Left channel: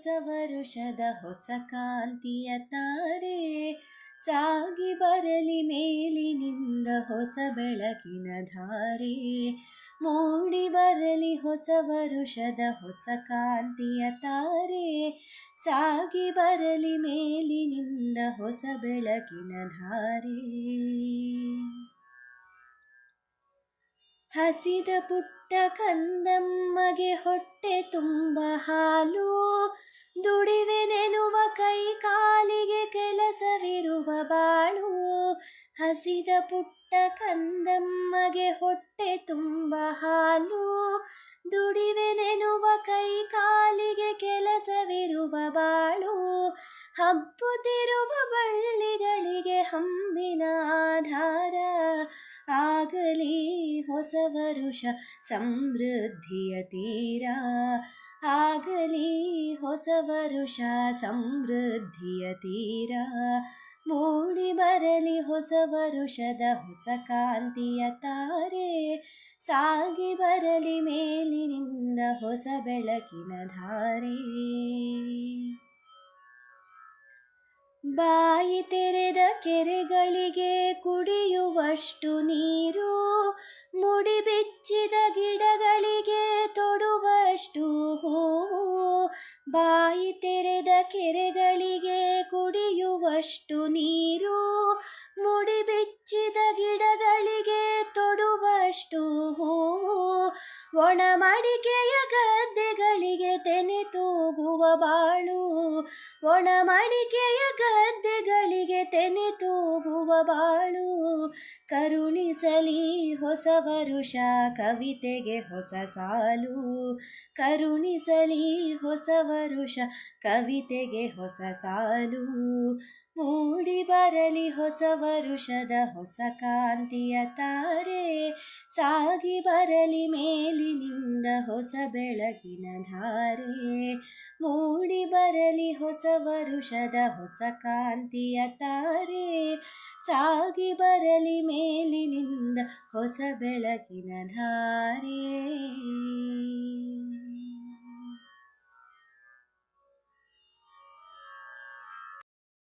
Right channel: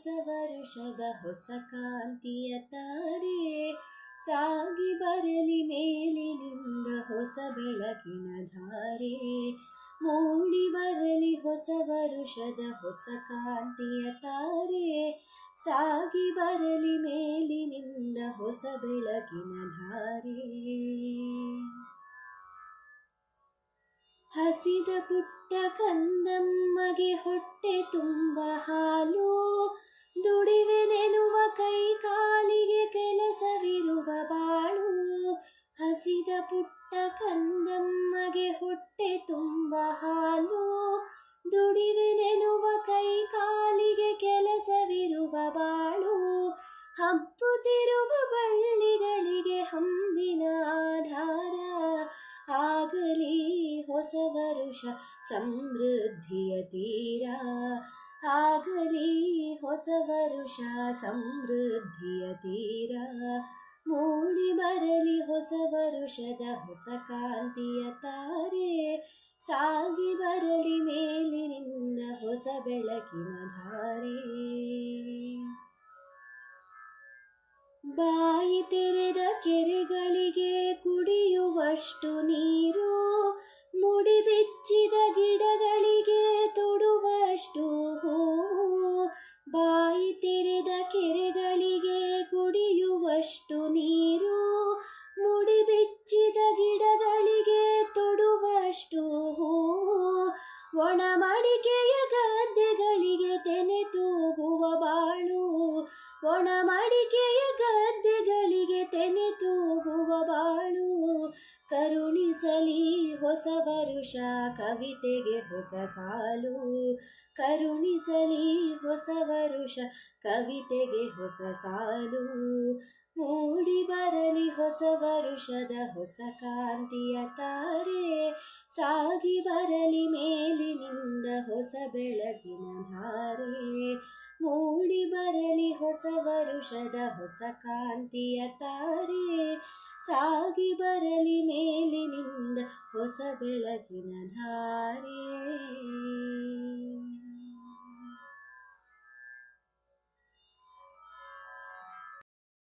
ಹೊಸ ವರುಷದ ಹೊಸ ಕಾಂತಿಯ ತಾರೆ ಸಾಗಿ ಬರಲಿ ಮೇಲಿನಿಂದ ಹೊಸ ಬೆಳಕಿನ ಧಾರೆ ಮೂಡಿ ಬರಲಿ ಹೊಸ ವರುಷದ ಹೊಸ ಕಾಂತಿಯ ತಾರೆ ಸಾಗಿ ಬರಲಿ ಮೇಲಿನಿಂದ ಹೊಸ ಬೆಳಕಿನ ಧಾರೆ ಹಸಿದ ಪುಟ್ಟ ಕಂದಮ್ಮಗೆ ಹೊಟ್ಟೆ ತುಂಬ ಹಾಲು ದುಡಿವೆನೆನುವ ಕೈ ಕಾಲಿಗೆ ಕೆಲಸವಿರುವ ಬಾಳು ಹಸಿದ ಪುಟ್ಟ ಕಂದಮ್ಮಗೆ ಹೊಟ್ಟೆ ತುಂಬ ಹಾಲು ದುಡಿವೆನೆನುವ ಕೈ ಕಾಲಿಗೆ ಕೆಲಸವಿರುವ ಬಾಳು ಹಬ್ಬುತ್ತಿರುವ ಬಳ್ಳಿಗಳಿಗೆ ಹಂಬಿನ ಆಧಾರ ಆಗಲಿ ಹೊಸ ವರುಷ ಸಮೃದ್ಧಿಯ ತೀರ ಆಗಲಿ ಹೊಸ ವರುಷ ಸಮೃದ್ಧಿಯ ತೀರ ಮೂಡಿ ಬರಲಿ ಹೊಸ ವರುಷದ ಹೊಸ ಕಾಂತಿಯ ತಾರೆ ಸಾಗಿ ಬರಲಿ ಮೇಲಿನಿಂದ ಹೊಸ ಬೆಳಕಿನ ಧಾರೆ ಬಾಯಿ ತೆರೆದ ಕೆರೆಗಳಿಗೆ ಕುಡಿಯುವಷ್ಟು ನೀರು ಮುಡಿ ಬಿಚ್ಚಿದ ಗಿಡಗಳಿಗೆ ತೊಡುವಷ್ಟು ಹೂವು ಬಾಯಿ ತೆರೆದ ಕೆರೆಗಳಿಗೆ ಕುಡಿಯುವಷ್ಟು ನೀರು ಮುಡಿ ಬಿಚ್ಚಿದ ಗಿಡಗಳಿಗೆ ತೊಡುವಷ್ಟು ಹೂವು ಒಣ ಮಡಿಕೆಯ ಗದ್ದೆಗಳಿಗೆ ತೆನೆ ತೂಗುವ ಬಾಳು ಒಣ ಮಡಿಕೆಯ ಗದ್ದೆಗಳಿಗೆ ತೆನೆ ತೂಗುವ ಬಾಳು ಕರುಣಿಸಲಿ ಹೊಸ ವರುಷ ಕವಿತೆಗೆ ಹೊಸ ಸಾಲು ಕರುಣಿಸಲಿ ಹೊಸ ವರುಷ ಕವಿತೆಗೆ ಹೊಸ ಸಾಲು ಮೂಡಿ ಬರಲಿ ಹೊಸ ವರುಷದ ಹೊಸ ಕಾಂತಿಯ ತಾರೆ ಸಾಗಿ ಬರಲಿ ಮೇಲಿನಿಂದ ಹೊಸ ಬೆಳಕಿನ ಧಾರೆ ಮೂಡಿ ಬರಲಿ ಹೊಸ ವರುಷದ ಹೊಸ ಕಾಂತಿಯ ತಾರೆ ಸಾಗಿ ಬರಲಿ ಮೇಲಿನಿಂದ ಹೊಸ ಬೆಳಕಿನ ಧಾರೆ